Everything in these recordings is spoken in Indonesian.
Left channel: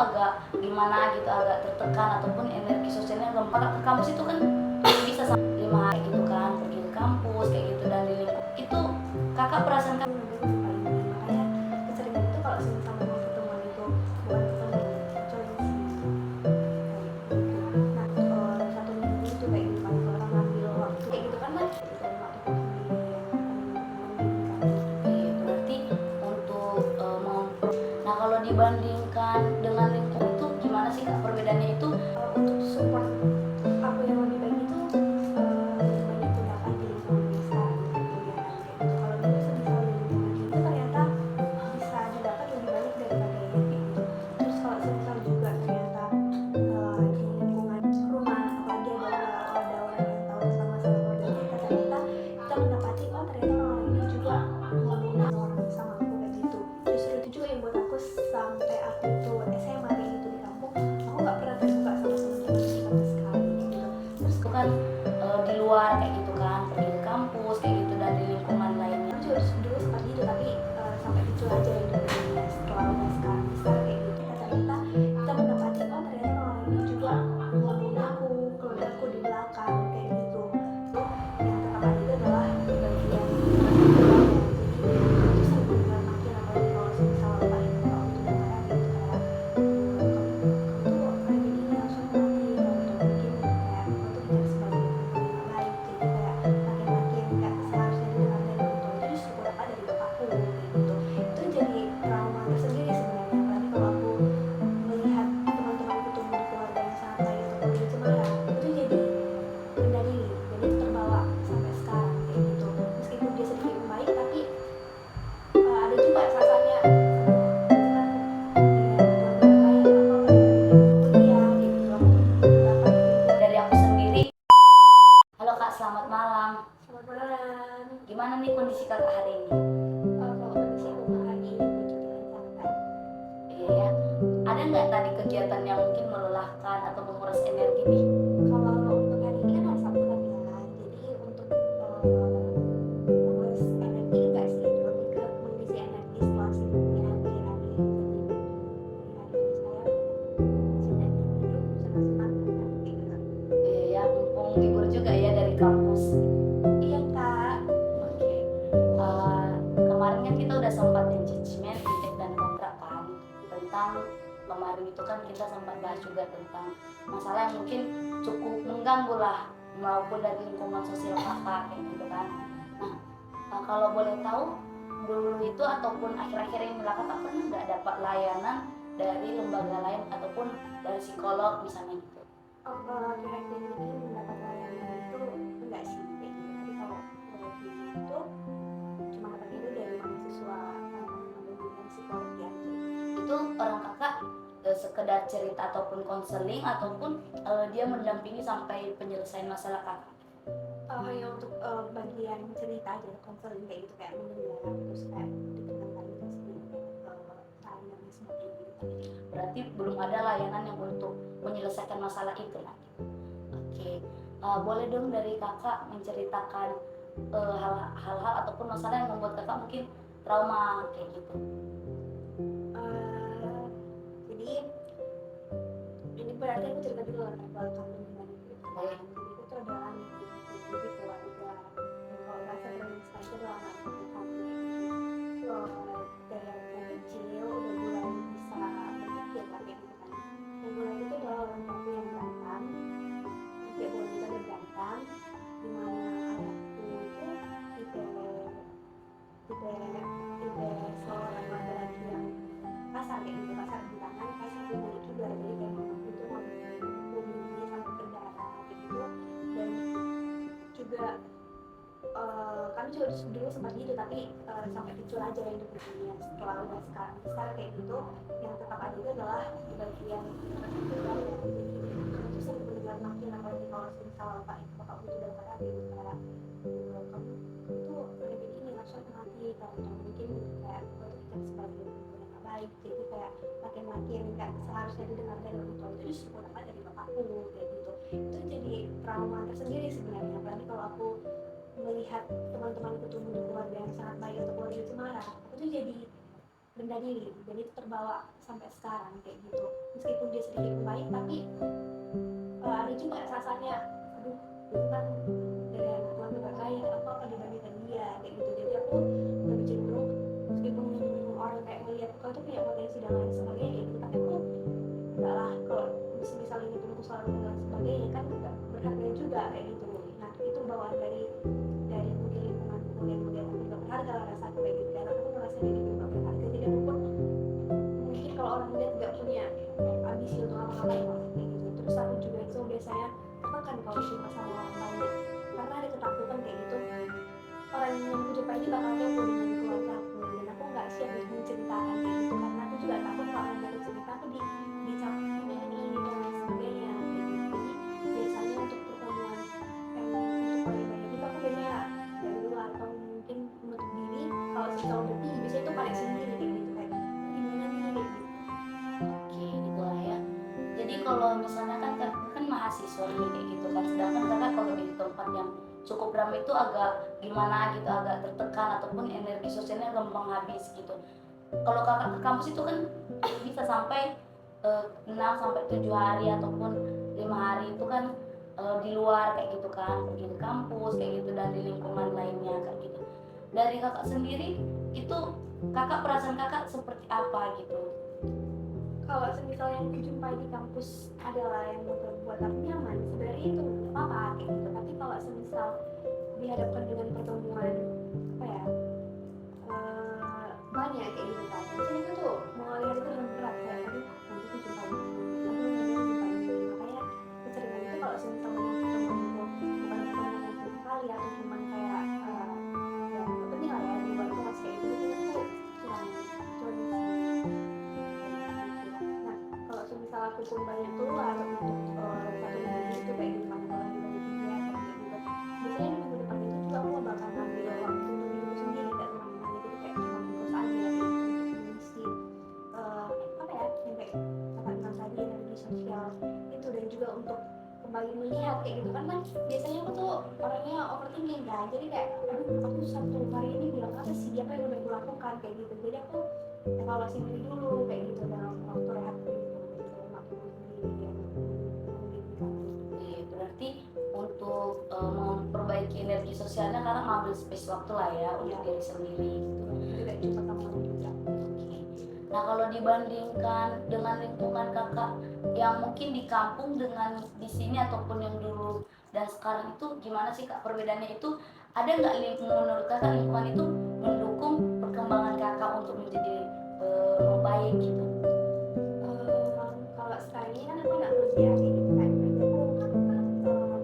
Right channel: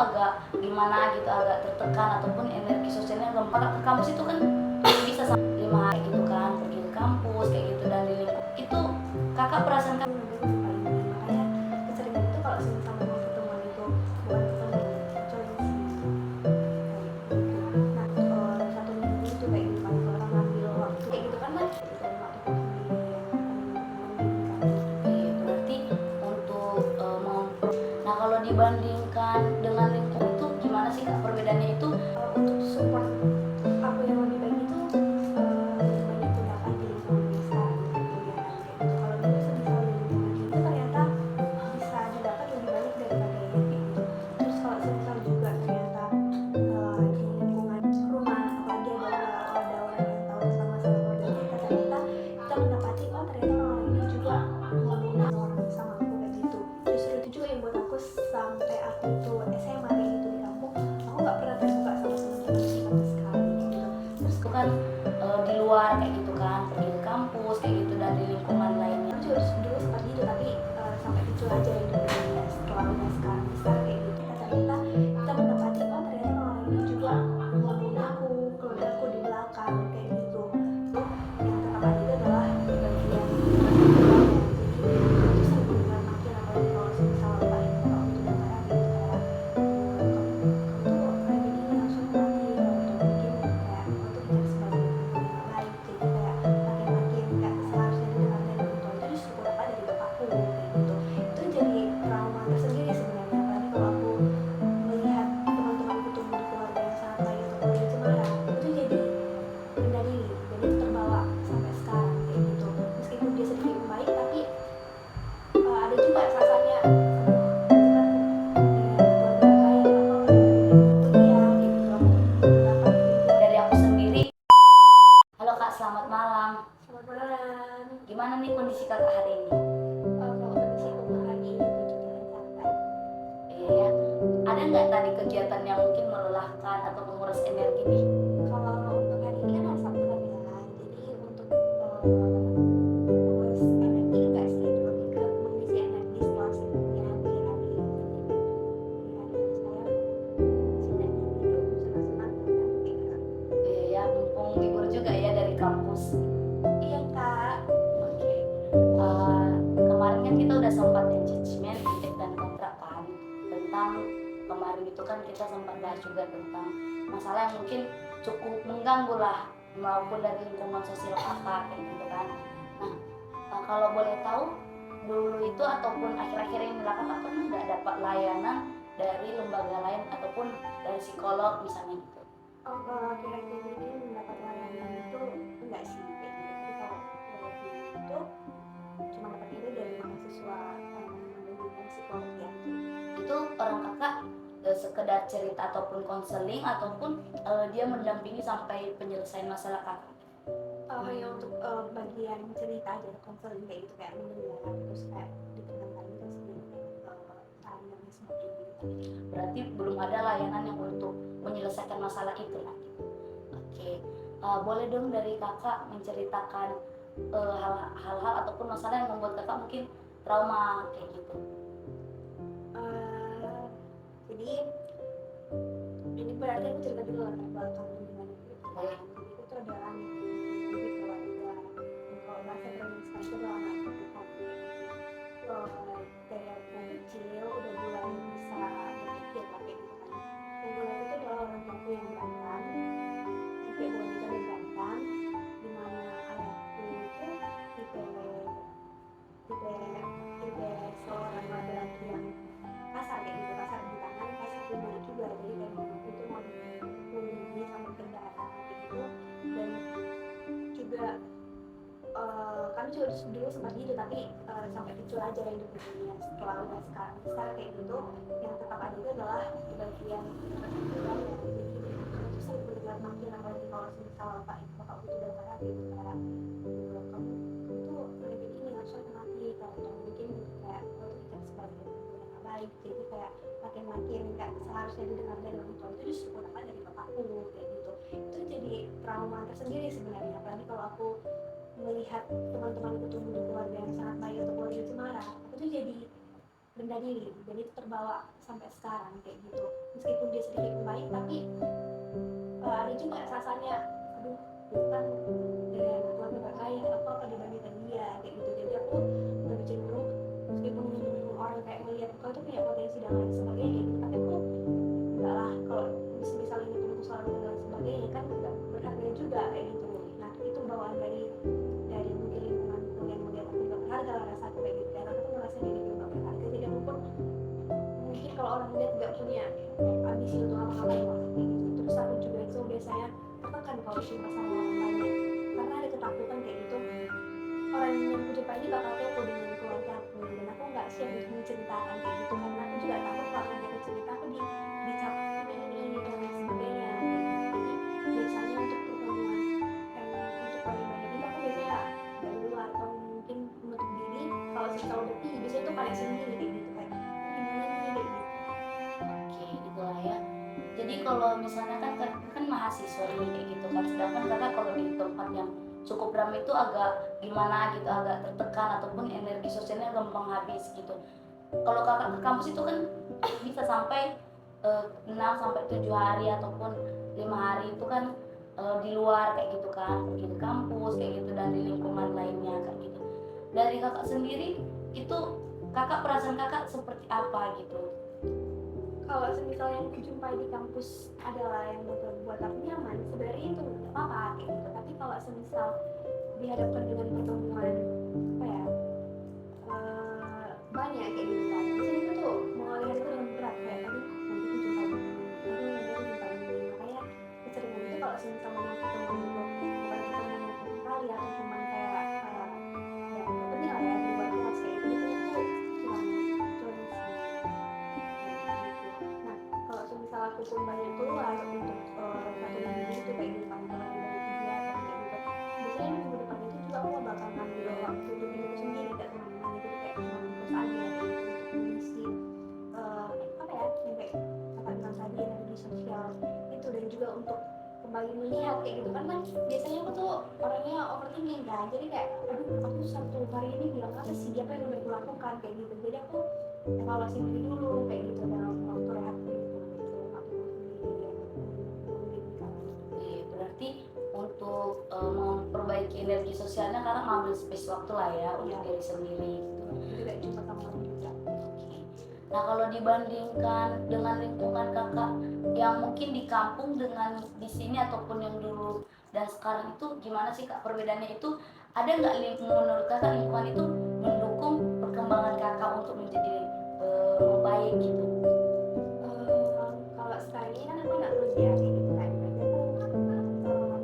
agak gimana gitu, agak tertekan ataupun energi sosialnya gampang ke kampus itu kan bisa sampai 5 hari gitu kan, pergi ke kampus kayak gitu dan di lingkup itu kakak perasaan kan makanya keseringan itu kalau sama pertemuan itu bukan ketemu nah 1 minggu itu kayak gitu kan kalau orang ngambil waktu kayak gitu kan waktu berarti untuk nah kalau dibandingkan dengan lingkup itu gimana sih kak perbedaannya itu? untuk support aku yang lebih baik itu lebih banyak terdapat di lingkungan yang sekarang kalau dulu sebisa itu ternyata bisa didapat lebih banyak daripada yang kayak gitu. Terus kalau sebisa juga ternyata di lingkungan rumah apalagi ada orang yang tahu tentang masalah keluarga kita, ternyata kita mendapati ternyata orang ini juga ngomongin orang sama aku kayak gitu. Justru itu juga yang buat aku sampai aku tuh SMA kayak gitu di kampung aku nggak pernah terbuka sama teman-teman sama sekali gitu. Terus Itu kan di luar kayak gitu kan, pergi ke kampus kayak gitu dan di lingkungan lainnya. aku juga dulu seperti itu tapi sampai kecil aja yang dulunya. Setelah udah sekarang besar kayak gitu ternyata kita mendapati ternyata orang ini juga ngomongin aku, keluarga aku di belakang kayak gitu. Yang tetap ada itu adalah bagian itu sering benar makin apalagi kalau misal bapak ibu kalau itu udah marah gitu kayak kamu tuh kayak gini langsung mati atau mungkin kayak kamu tuh tidak sebagai ibu yang baik, jadi kayak makin kayak seharusnya didengar dari orang tua itu justru dapat dari bapakku kayak gitu. Itu jadi trauma tersendiri sebenarnya apalagi kalau aku melihat teman-temanku tumbuh di keluarga yang sangat baik atau keluarga cemara itu jadi rendah diri dan itu terbawa sampai sekarang kayak gitu. Meskipun dia sedikit baik tapi ada juga rasanya Dari aku sendiri. Halo kak, selamat malam. Selamat malam. Gimana nih kondisi kakak hari ini? Kalau kondisi aku hari ini berjalan santai. Iya ya. Ada nggak tadi kegiatan yang mungkin melelahkan atau menguras energi nih? Kalau untuk hari ini kan hari Sabtu kan ya, jadi untuk menguras energi enggak sih, lebih ke mengisi energi setelah sibuknya di hari ini saya sedang hidup senang-senang dan kayak gitu. Iya ya, mumpung libur juga ya dari kampus. Iya kak. Oke. Kemarin kan kita udah sempat engagement, intake dan kontrak kan tentang kemarin itu kan kita sempat bahas juga tentang masalah yang mungkin cukup mengganggu lah maupun dari lingkungan sosial kakak kayak gitu kan. Nah, kalau boleh tahu dulu itu ataupun akhir-akhir ini lah kakak pernah nggak dapat layanan dari lembaga lain ataupun dari psikolog misalnya gitu? Kalau akhir-akhir ini mendapat layanan itu enggak sih kayak gitu, tapi kalau dulu itu cuma dapat itu dari mahasiswa bimbingan psikologi aja. Itu orang kakak sekedar cerita ataupun konseling ataupun dia mendampingi sampai penyelesaian masalah kakak? Hanya untuk bagian cerita aja, konseling kayak gitu, kayak mendengar terus kayak ditenangkan gitu sendiri saran dan sebagainya. Berarti belum ada layanan yang untuk menyelesaikan masalah itu lah. Oke, boleh dong dari kakak menceritakan hal-hal ataupun masalah yang membuat kakak mungkin trauma kayak gitu? Jadi ini berarti aku cerita dulu latar belakang gimana gitu kan. Jadi itu tuh ada anak jadi keluarga, kalau bahasa Indonesia itu adalah anak perempuan gitu. Dari aku kecil udah mulai bisa berpikir lah kayak gitu kan. Yang mulai itu adalah orang tuaku yang berantem, kayak bukan kita ada berantem, dimana ayahku itu tipe seorang laki-laki yang kasar kayak gitu, kasar di tangan, kasar di mulut juga. Jadi kayak mamaku itu mau ini sampai ke darah kayak gitu. Dan juga kami juga dulu sempat gitu tapi sampai kecil aja hidup dunia. Setelah udah sekarang besar kayak gitu, yang tetap ada itu adalah di bagian keluarga. Jadi itu sering mendengar makin apalagi kalau misal bapak itu udah marah gitu kayak kamu tuh kayak begini langsung mati atau mungkin kayak itu tidak sebagai ibu yang baik, jadi kayak makin kayak seharusnya didengar dari orang tua itu justru dapat dari bapakku kayak gitu. Itu jadi trauma tersendiri sebenarnya, apalagi kalau aku melihat teman-temanku tumbuh di keluarga yang sangat baik atau keluarga cemara, aku tuh jadi rendah diri, dan itu terbawa sampai sekarang kayak gitu. Meskipun dia sedikit baik, tapi ada juga rasanya, aduh itu kan dari anak keluarga baik, apa dibandingkan dia kayak gitu. Jadi aku lebih cenderung, meskipun orang kayak melihat kau itu punya potensi dan lain sebagainya kayak gitu, tapi aku enggak lah, kalau misalnya ini pendukung selalu dan sebagainya kan enggak berharga juga kayak gitu. Nah itu bawaan dari mungkin lingkunganku yang melihat aku nggak berharga lah, rasa aku kayak gitu, dan aku tuh ngerasa diri gue nggak berharga. Jadi aku pun mungkin kalau orang lihat nggak punya ambisi untuk apa-apa kayak gitu. Terus aku juga itu biasanya tertekan kalau cuma sama orang banyak, karena ada ketakutan kayak gitu, orang yang ku jumpa ini bakal kepo dengan keluarga aku, dan aku nggak siap untuk menceritakan kayak gitu, karena aku juga takut kalau nanti aku cerita aku dicap ini dan lain sebagainya kayak gitu. Jadi biasanya untuk pertemuan yang untuk paling banyak itu aku biasanya dari luar atau mungkin menutup diri. Kalau cerita udah biasanya itu paling sendiri kayak gitu, kayak gimana nih kayak gitu. Oke, gitulah ya. Jadi kalau misalnya kan mahasiswa nih kayak gitu kan, sedangkan kakak kalau di tempat yang cukup ramai itu agak gimana gitu, agak tertekan ataupun energi sosialnya gampang habis gitu. Kalau kakak ke kampus itu kan bisa sampai 6 sampai 7 hari ataupun 5 hari itu kan di luar kayak gitu kan, pergi ke kampus kayak gitu dan di lingkungan lainnya kayak gitu. Dari kakak sendiri itu perasaan kakak seperti apa gitu? Kalau semisal yang kujumpai di kampus adalah yang membuat aku nyaman, sebenarnya itu nggak apa-apa kayak gitu. Tapi kalau semisal dihadapkan dengan pertemuan apa ya, banyak kayak gitu kan, biasanya itu tuh mengalih hari itu dengan berat, kayak aduh nanti aku jumpa ini, aduh nanti aku jumpa ini. Makanya keseringan itu kalau semisal memang pertemuan itu bukan pertemuan yang penting kali atau cuman kayak ya nggak penting lah ya di luar kelas kayak gitu, biasanya aku kurang join sih. Nah, kalau semisal aku pun banyak keluar untuk satu minggu itu kayak gitu kan, kalau lagi banyak kegiatan kayak gitu, biasanya di minggu depan itu juga aku bakal ngambil waktu untuk diriku sendiri, gak kemana-mana. Jadi kayak cuma di kos aja kayak gitu, untuk mengisi apa ya, yang kayak kakak bilang tadi, energi sosial itu, dan juga untuk kembali melihat kayak gitu kan. Biasanya aku tuh orangnya overthinking kan, jadi kayak aduh aku satu hari ini bilang apa sih, apa yang udah aku lakukan kayak gitu. Jadi aku evaluasi diri dulu kayak gitu dalam waktu rehatku itu, dalam waktu sendiri yang mendidikan gitu. Berarti untuk memperbaiki energi sosialnya kakak ngambil space waktu lah ya untuk diri sendiri gitu. Jadi gak cuma kamu juga. Oke. Nah kalau dibandingkan dengan lingkungan kakak yang mungkin di kampung dengan di sini ataupun yang dulu dan sekarang itu gimana sih kak perbedaannya itu? Ada nggak menurut kakak lingkungan itu mendukung perkembangan kakak untuk menjadi membaik gitu? Kalau sekarang ini kan aku nggak kerja kayak gitu kan, berarti aku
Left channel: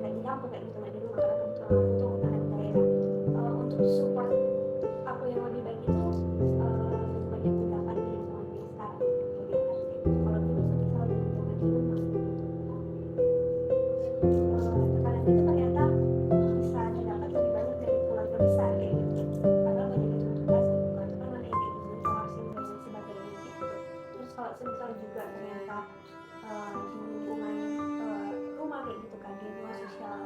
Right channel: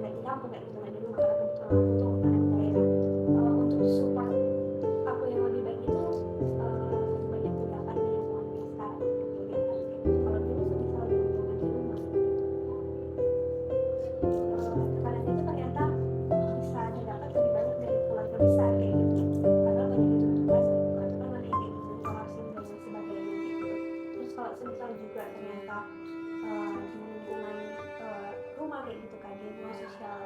kayak di kampung kayak gitu, nggak di rumah, karena kebetulan aku tuh anak daerah. Untuk support aku yang lebih baik itu lebih banyak mendapat di lingkungan yang sekarang gitu, gitu kan kayak gitu. Kalau dulu semisal di lingkungan di rumah gitu, tekanan itu ternyata bisa didapat lebih banyak dari keluarga besar kayak gitu, karena banyak ditentukan kalau itu kan mana yang kayak gitu, informasi dan lain sebagainya kayak gitu. Terus kalau semisal juga ternyata di lingkungan rumah kayak gitu kan, di lingkungan sosial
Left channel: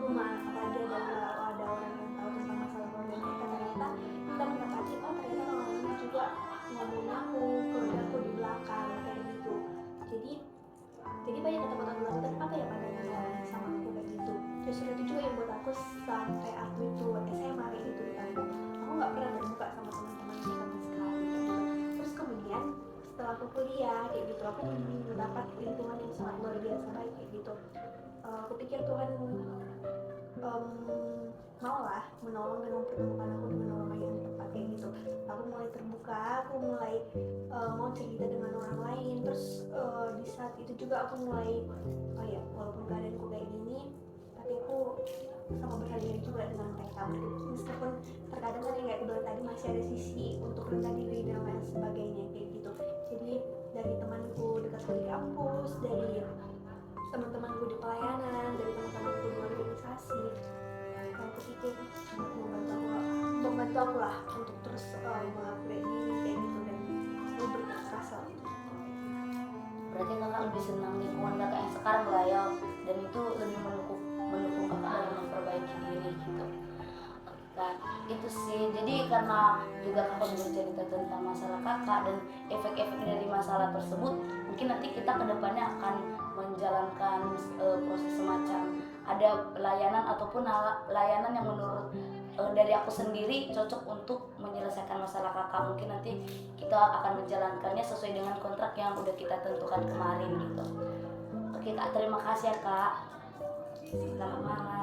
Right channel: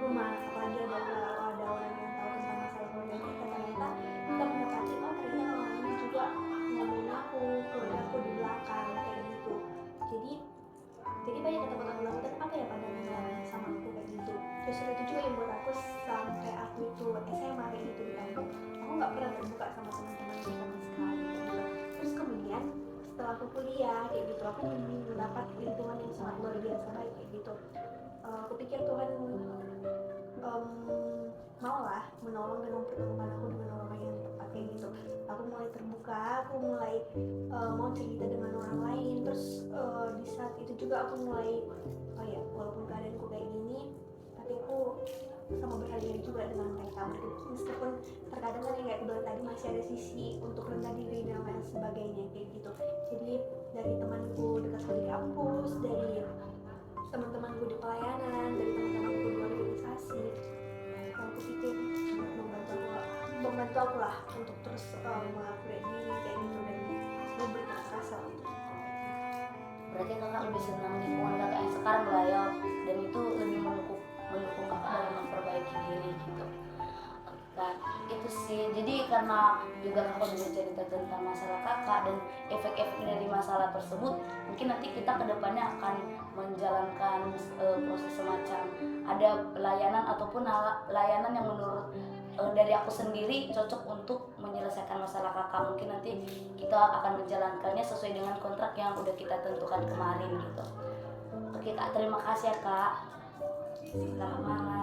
rumah, apalagi ada orang yang tahu tentang masalah keluarga kita, ternyata kita mendapati oh ternyata orang ini juga ngomongin aku, keluarga aku di belakang kayak gitu. Jadi banyak ketakutan apa ya pandangan orang sama aku kayak gitu. Justru itu juga yang buat aku sampai aku itu SMA kayak gitu di kampung, aku nggak pernah terbuka sama teman-teman sama sekali kayak gitu. Terus kemudian setelah aku kuliah kayak gitu, aku mendapat lingkungan yang sangat luar biasa baik kayak gitu. Aku pikir Tuhan mau lah menolong dan mempertemukan aku dengan orang yang tepat kayak gitu. Aku mulai terbuka, aku mulai mau cerita dengan orang lain. Terus di saat itu juga aku mulai oh ya, walaupun keadaanku kayak gini, tapi aku sama berharga juga dengan mereka. Meskipun terkadang kan yang kayak bilang tadi masih ada sisi untuk rendah diri dan lain sebagainya kayak gitu. Jadi dari temanku dekat di kampus, dari teman-temanku di pelayanan, dari teman-temanku di organisasi, aku pikir membantu aku lah untuk terus mengupgrade diri kayak gitu, dan memberikan rasa untuk Berarti kakak lebih senang lingkungan kakak yang sekarang lah ya, dan itu lebih mendukung kakak dalam memperbaiki diri gitu. Kak, Itu sih, jadi karena juga kakak udah cerita tentang masalah kakak dan efek-efek dari masalah tersebut, mungkin nanti kita kedepannya akan menjalankan proses semacam ada layanan ataupun layanan yang menurut dari aku sendiri cocok untuk menyelesaikan masalah kakak. Mungkin nanti kita akan menjalankannya sesuai dengan kontrak yang udah kita tentukan kemarin gitu. Oke kak, terima kasih ya kak. Selamat malam.